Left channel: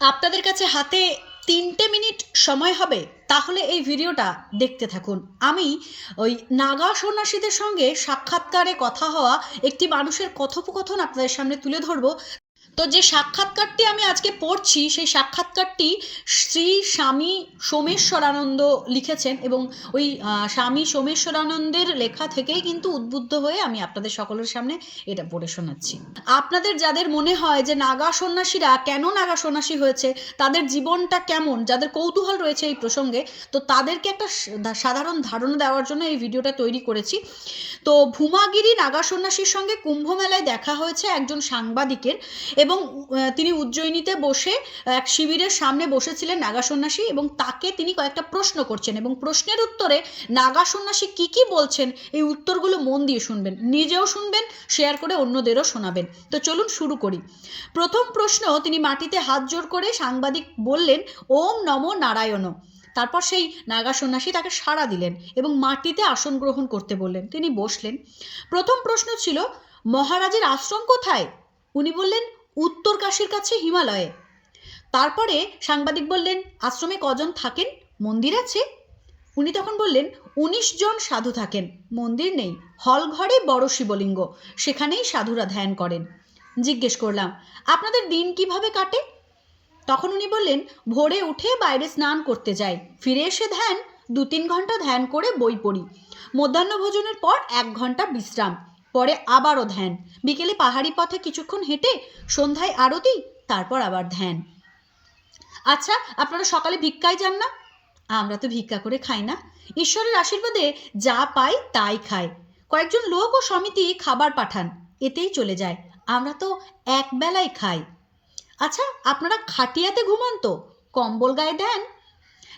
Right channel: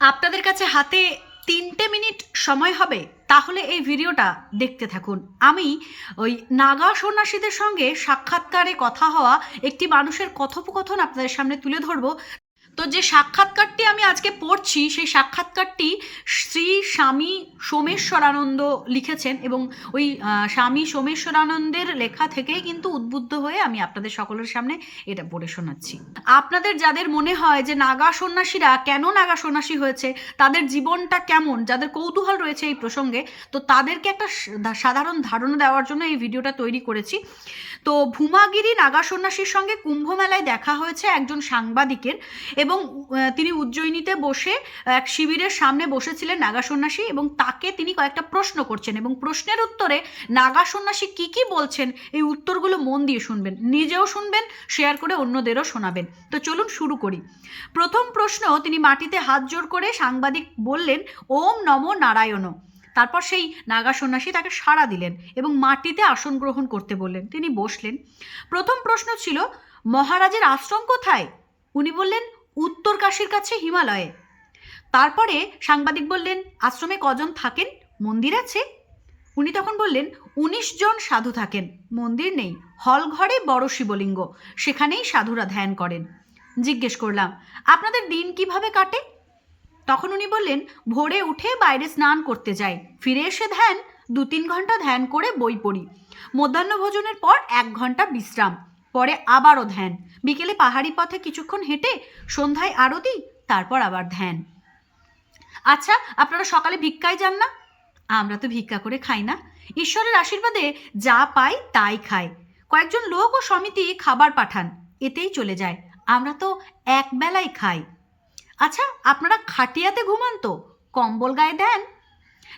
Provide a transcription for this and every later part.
আপনাদের কাছে হাতে তিনটে মিনিট সময় হবে, তাহলে এই ভিডিওটা দেখতে থাকুন। আমি ওই নাগা সন্ন্যাসীদের সঙ্গে সাক্ষাৎকারে কথা হওয়া একটি মানুষের কথোপকথন আপনাদের সামনে তুলে ধরবো। তো যে সাক্ষাৎকারটি আমি আজকে পড়ছি, সেই সাক্ষাৎকারটি শ্রী স্বামী সোমেশ্বরানন্দ লিখেছেন এবং ওই স্বামী সোমেশ্বরানন্দের লেখা থেকেই কিন্তু উদ্বুদ্ধ হয়ে আমি আপনাদের সকলের সামনে এটা পড়ে শোনাচ্ছি। আপনাদের যাদের মনে হয় যে নাগা সন্ন্যাসীরা কেন নাগা সন্ন্যাসী হয়েছে, তাদের জীবনটা কেমন, যাদের কৌতূহল রয়েছে এই প্রসঙ্গে, তো তাদেরকে একটা সাধারণ ধারণা দেওয়ার জন্য এই ভিডিওটা তৈরি করেছি। তো ভূমাগিরি নাগা সন্ন্যাসীর সঙ্গে কুম্ভ মেলায় দেখা হয়েছে একজন সাংবাদিকের এবং তিনি উজ্জয়িনীতে বসে এক শিবিরের সামনে বসেছিলেন নাগা সন্ন্যাসী এবং তাকে তিনি কয়েকটা প্রশ্ন করছেন এবং প্রশ্নের উত্তরে নাগা সন্ন্যাসী কি কি বলছেন, এই উত্তরগুলো মন দিয়ে শুনবেন, নিজেও শুনবেন, শেয়ার করে অন্যদেরও শোনাবেন। তো চলুন শুরু করি। প্রথম প্রশ্ন, তিনি মাটিতে হাত জোর করে সাংবাদিক বললেন, ওম নম নারায়ণ। তারপর সেই নাগা সন্ন্যাসী তাকে সাড়া দিলেন এবং মাটিতে আসন গ্রহণ করতে বললেন। তিনি বসলেন। প্রথম প্রশ্ন ছিল, মহারাজের আশ্রম কোথায়? উনি বললেন, উত্তর কাশীর কাছে হিমালয়ে। তারপরে সাংবাদিক বললেন, আশ্রমে কজন থাকেন? মন্দির আছে? উনি তখন বললেন, উনিশ জন সাধু থাকেন। মন্দির নেই, হল ঘরে বড় শিবলিঙ্গ, সেখানেই সাধুরা ধ্যান করেন। জিজ্ঞেস করলাম, আপনাদের দিন কীভাবে কাটে? তখন উনি বললেন, ভোরে উঠে বাইরে স্নান করতে যাই। ফিরে এসে ধ্যান, দু তিন ঘণ্টা ধ্যান করে বই পড়ি। মধ্যাহ্ন ভোজনের পর এক ঘণ্টা বিশ্রাম, পরে আবারও ধ্যান। বিকেলে পাহাড়ি পথে কিছুক্ষণ হেঁটে সন্ধ্যায় আরতি, তারপর আবার ধ্যান। আচ্ছা আপনারা সকালে ভিক্ষায় যান না? আমরা তো ভিক্ষা করে খাই না। ঈশ্বরের আশীর্বাদে যা পাই তাই খাই। কয়েকজন লোক ও সমিতি খাবার পাঠান, এতেই চলে যায়। আমরা তো এক বেলায় খাই। আচ্ছা আপনারা খাটিয়াতে ঘুমান তো? কম্বল গায়ে দেন?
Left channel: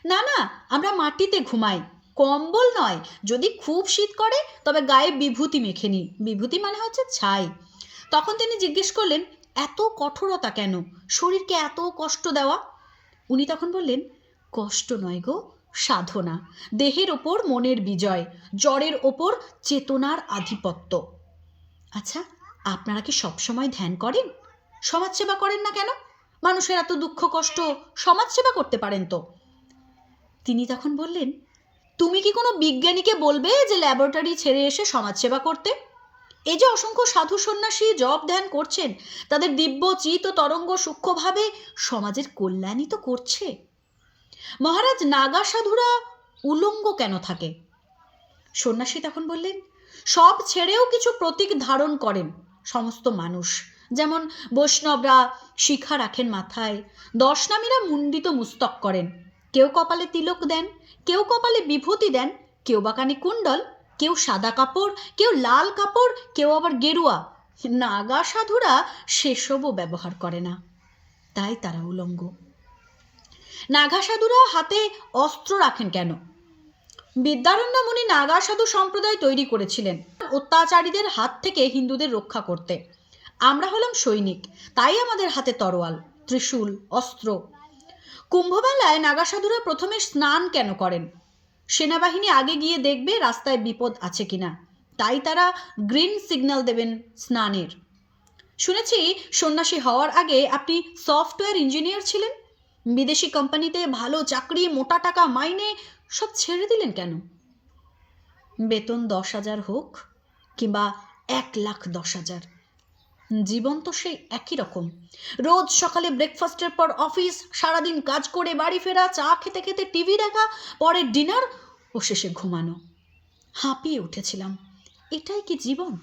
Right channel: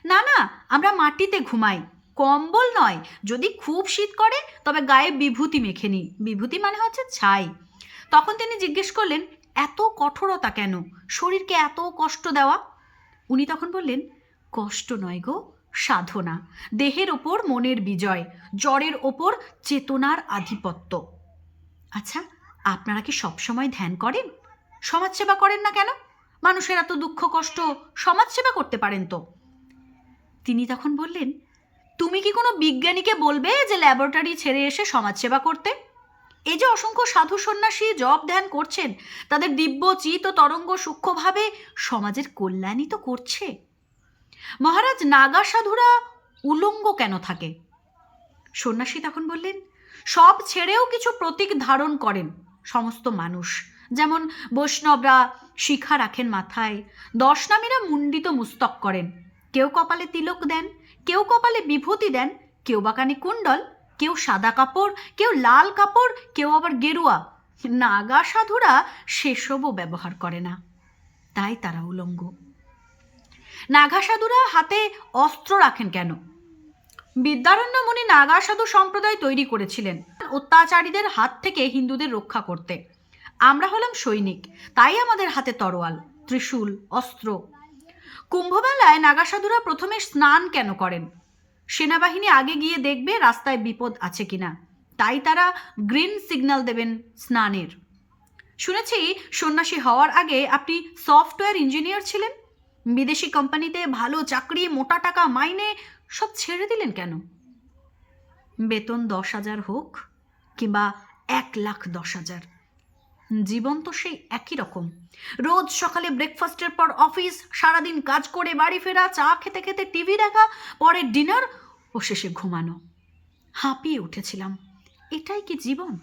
না না, আমরা মাটিতে ঘুমাই। কম্বল নয়, যদি খুব শীত করে, তবে গায়ে বিভূতি মেখে নিই। বিভূতি মানে হচ্ছে ছাই। তখন তিনি জিজ্ঞেস করলেন, এত কঠোরতা কেন? শরীরকে এত কষ্ট দেওয়া? উনি তখন বললেন, কষ্ট নয় গো, সাধনা। দেহের ওপর মনের বিজয়, জ্বরের ওপর চেতনার আধিপত্য। আচ্ছা আপনারা কি সবসময় ধ্যান করেন? সমাজসেবা করেন না কেন? মানুষের এত দুঃখ, কষ্ট সমাজসেবা করতে পারেন তো। তিনি তখন বললেন, তুমি কি কোনো বিজ্ঞানীকে বলবে যে ল্যাবরেটরি ছেড়ে এসে সমাজসেবা করতে? এই যে অসংখ্য সাধু সন্ন্যাসী জপ ধ্যান করছেন, তাদের দিব্য চিত ও তরঙ্গ সূক্ষ্মভাবে সমাজের কল্যাণই তো করছে। মহারাজ নাগা সাধুরা উলঙ্গ কেন থাকে? সন্ন্যাসী তখন বললেন, সব ছেড়েও কিছু প্রতীক ধারণ করেন, সমস্ত মানুষ। যেমন বৈষ্ণবরা শিখা রাখেন মাথায়, দশনামীরা মুন্ডিত মুস্তক করেন। কেউ কপালে তিলক দেন, কেউ কপালে বিভূতি দেন, কেউ বা কানে কুণ্ডল, কেউ সাদা কাপড়, কেউ লাল কাপড়, কেউ আবার গেরুয়া। নাগা সাধুরা সেসবও ব্যবহার করে না। তাই তারা উলঙ্গ। নাগা সাধুরা হাতে অস্ত্র রাখেন কেন? বিদ্যারণ্য মুনি নাগা সাধু সম্প্রদায় তৈরি করেছিলেন অত্যাচারীদের হাত থেকে হিন্দুদের রক্ষা করতে। আমরা হলাম সৈনিক, তাই আমাদের হাতে তরোয়াল, ত্রিশূল, অস্ত্র। কুম্ভমেলায় নাগাসাধুরা প্রথমে স্নান কেন করেন? সেনাবাহিনী আগে গিয়ে দেখবে রাস্তায় বিপদ আছে কিনা, তাই তারা গ্রিন সিগন্যাল দেবেন স্নানের। শুনেছি, সন্ন্যাসী হওয়ার আগে আপনি সফটওয়্যার ইঞ্জিনিয়ার ছিলেন? বিদেশি কোম্পানিতে ভালো চাকরি, মোটা টাকা, মাইনে সব ছেড়ে দিলেন কেন? বেতন দশ হাজার হোক কিংবা এক লাখ দশ হাজার। জীবন তো সেই একই রকম। রোজ সকালে ব্রেকফাস্টের পর অফিস সারাদিন কাজ করে বাড়ি ফেরা, চা খেতে খেতে টিভি দেখা, পরে ডিনার ও শেষে ঘুমানো। হাঁপিয়ে উঠেছিলাম। এটাই কি জীবন?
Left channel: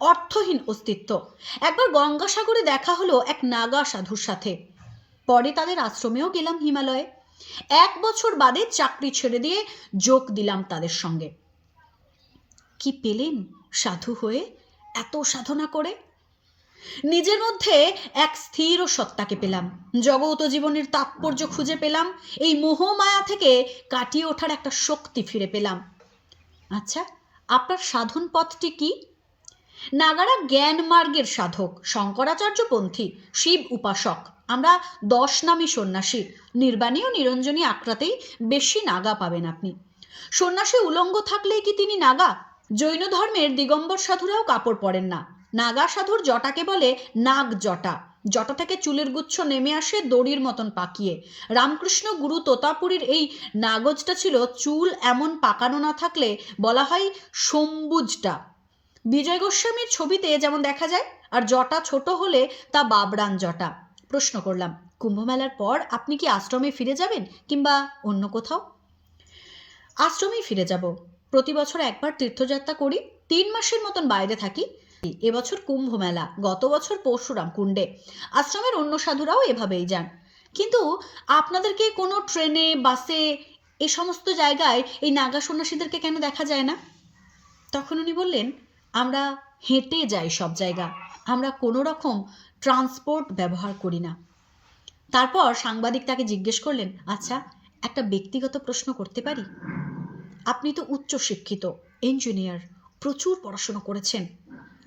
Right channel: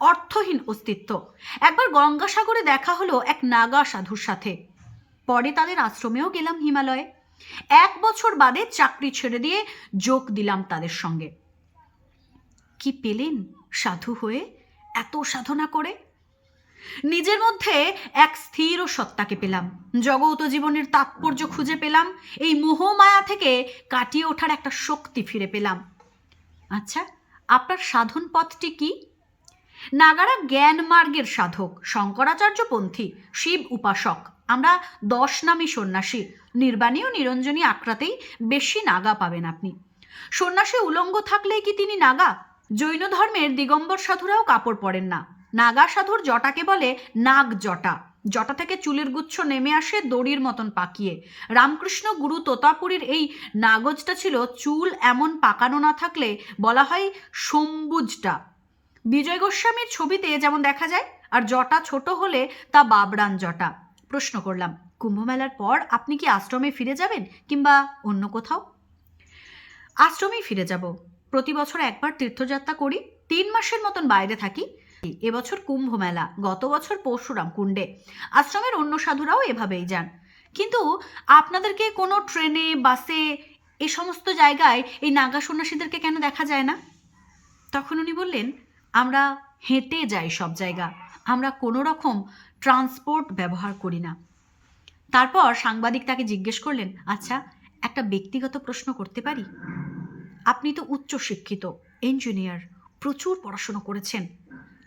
অর্থহীন অস্তিত্ব। একবার গঙ্গাসাগরে দেখা হলো এক নাগা সাধুর সাথে। পরে তাদের আশ্রমেও গেলাম হিমালয়ে। এক বছর বাদে চাকরি ছেড়ে দিয়ে যোগ দিলাম তাদের সঙ্গে। কি পেলেন সাধু হয়ে এত সাধনা করে? নিজের মধ্যে এক স্থির ও সত্তাকে পেলাম। জগত জীবনের তাৎপর্য খুঁজে পেলাম। এই মোহমায়া থেকে কাটিয়ে ওঠার একটা শক্তি ফিরে পেলাম। আচ্ছা আপনার সাধন পথটি কি? নাগারা জ্ঞান মার্গের সাধক শঙ্করাচার্যপন্থী শিব উপাসক। আমরা দশ নামী সন্ন্যাসী। নির্বাণী ও নিরঞ্জনী আক্রাতেই বেশি নাগা পাবেন আপনি। সন্ন্যাসী উলঙ্গ থাকলেই কি তিনি নাগা? জৈন ধর্মের দিগম্বর সাধুরাও কাপড় পরেন না। নাগা সাধুর জটাকে বলে নাগ জটা জটা থেকে চুলের গুচ্ছ নেমে আসে দড়ির মতন পাকিয়ে। রামকৃষ্ণ গুরু তোতাপুরীর এই নাগজটা ছিল চুল এমন পাকানো না থাকলে বলা হয় সম্বুজটা বিজয় গোস্বামীর ছবিতে যেমন দেখা যায়, আর জটা ছোট হলে তা বাবরান জটা। প্রশ্ন করলাম, কুম্ভমেলার পর আপনি কি আশ্রমে ফিরে যাবেন কিংবা অন্য কোথাও? আশ্রমেই ফিরে যাব। প্রতি বছর একবার তীর্থযাত্রা করি, তিন মাসের মতন বাইরে থাকি এবছর কুম্ভ মেলা, গত বছর পরশুরাম কুণ্ডে। আশ্রমের অন্য সাধুরাও এভাবেই যান। কিন্তু আপনাদেরকে কোনো ট্রেনে, বাসে, এ সমস্ত জায়গায় এই নাগা সন্ন্যাসীদেরকে কেন দেখা যায় না? তখন উনি বললেন, আমরা হেঁটে যাই সব জায়গা। আমরা কোনো রকম ট্রান্সপোর্ট ব্যবহার করি না। তারপর সাংবাদিক তাকে জিজ্ঞেস করলেন আচ্ছা একটা ব্যক্তিগত প্রশ্ন করতে পারি? আপনি তো উচ্চ শিক্ষিত ইঞ্জিনিয়ার প্রচুর পড়াশোনা করেছেন।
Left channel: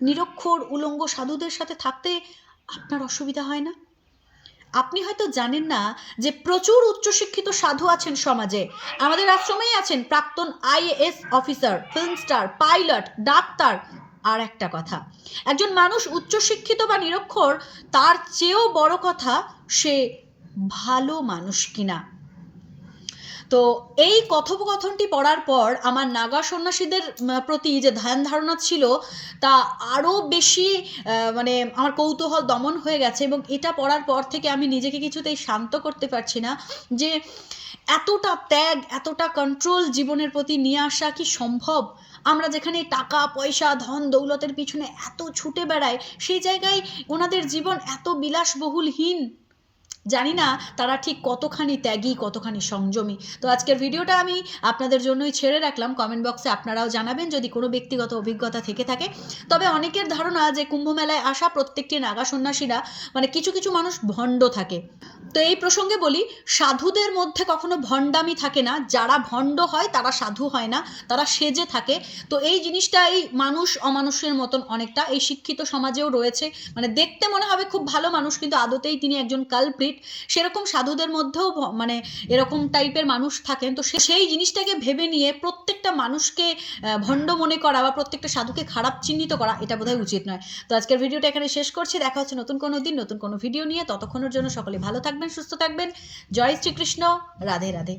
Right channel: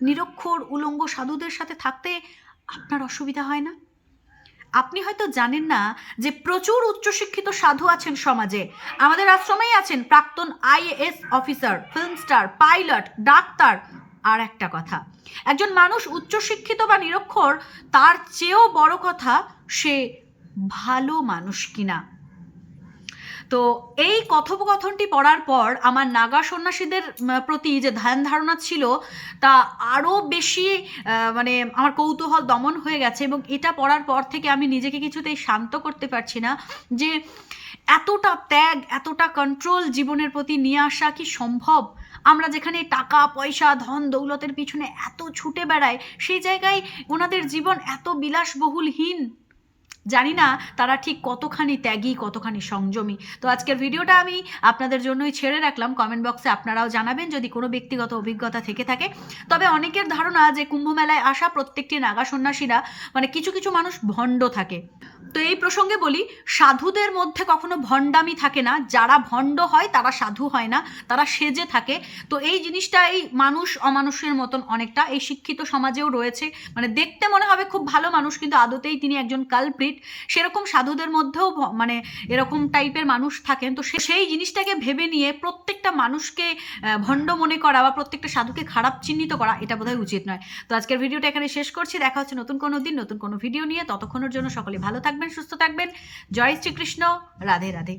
নিরক্ষর উলঙ্গ সাধুদের সাথে থাকতে আপনার অসুবিধা হয় না? আপনি হয়তো জানেন না যে প্রচুর উচ্চশিক্ষিত সাধু আছেন সমাজে। আমাদের আশ্রমেই আছেন প্রাক্তন IAS officer, film star, pilot, doctor. আর একটা কথা, একজন মানুষ উচ্চশিক্ষিত বা নিরক্ষর, তার চেয়েও বড় কথা সে ভালো মানুষ কিনা। তো এই কথোপকথনটি পড়ার পর আমার নাগা সন্ন্যাসীদের প্রতি যে ধ্যান ধারণা ছিল, তা আরও বেশি মানে আমার কৌতূহল দমন হয়ে গেছে এবং এটা পড়ার পর থেকে আমি নিজেকে কিছুতেই শান্ত করতে পারছি না যে এতটা ত্যাগ, এতটা কন্ট্রোল জীবনের প্রতি নিয়ে আসা কি সম্ভব? আমরা যেখানে টাকা, পয়সা, ধন, দৌলতের পিছনে এত ছুটে বেড়াই, সেই জায়গায় ওনাদের জীবন এত বিলাসবহুলহীন। জানি না তারা ঠিক কতখানি ত্যাগী, কতখানি সংযমী। তো আজকের ভিডিওটা আমি আপনাদের জন্যই ছেড়ে রাখলাম। কমেন্ট বক্সে আপনারাও জানাবেন যদি কোনো ব্যক্তিগত অভিজ্ঞতা থেকে থাকে। তবে অনেকের ধারণা যে কুম্ভ মেলায় আসা প্রত্যেকটি নাগা সন্ন্যাসীরা মানে কিছু কিছু মানুষ ভণ্ড থাকে। তো এই প্রসঙ্গে বলি, সাধুদের মধ্যে কখনো ভণ্ডামি থাকে না। যারা ভণ্ড হয় তারা সাধু হয় না, তারা সেজে থাকে। তো এই জিনিসটা এই মানুষ অমানুষের মতন অনেকটা। এই শিক্ষিত সমাজেও রয়েছে। মানে দেখতে মনে হবে খুব ভালো মানুষ, কিন্তু আদতেই তিনি একজন কালপ্রিট সেরকম সাধুদের মধ্যেও মানে এরকম টাইপের মানুষ থাকেন। তো সেই জিনিসটাকে ভেবে নিয়ে প্রত্যেকটা মানুষকে ভণ্ড মনে করা বা প্রত্যেকটা সাধুকে খারাপ চিহ্নিত করা, এটা বোধহয় উচিত নয়। তো আজকের ভিডিওটা এখানে শেষ করছি। দেখা হচ্ছে নতুন কোনো দিন, নতুন কোনো ভিডিও নিয়ে। ততক্ষণের জন্য সকলে ভালো থাকবেন, সুস্থ থাকবেন। জয় শ্রীকৃষ্ণ। রাধে রাধে।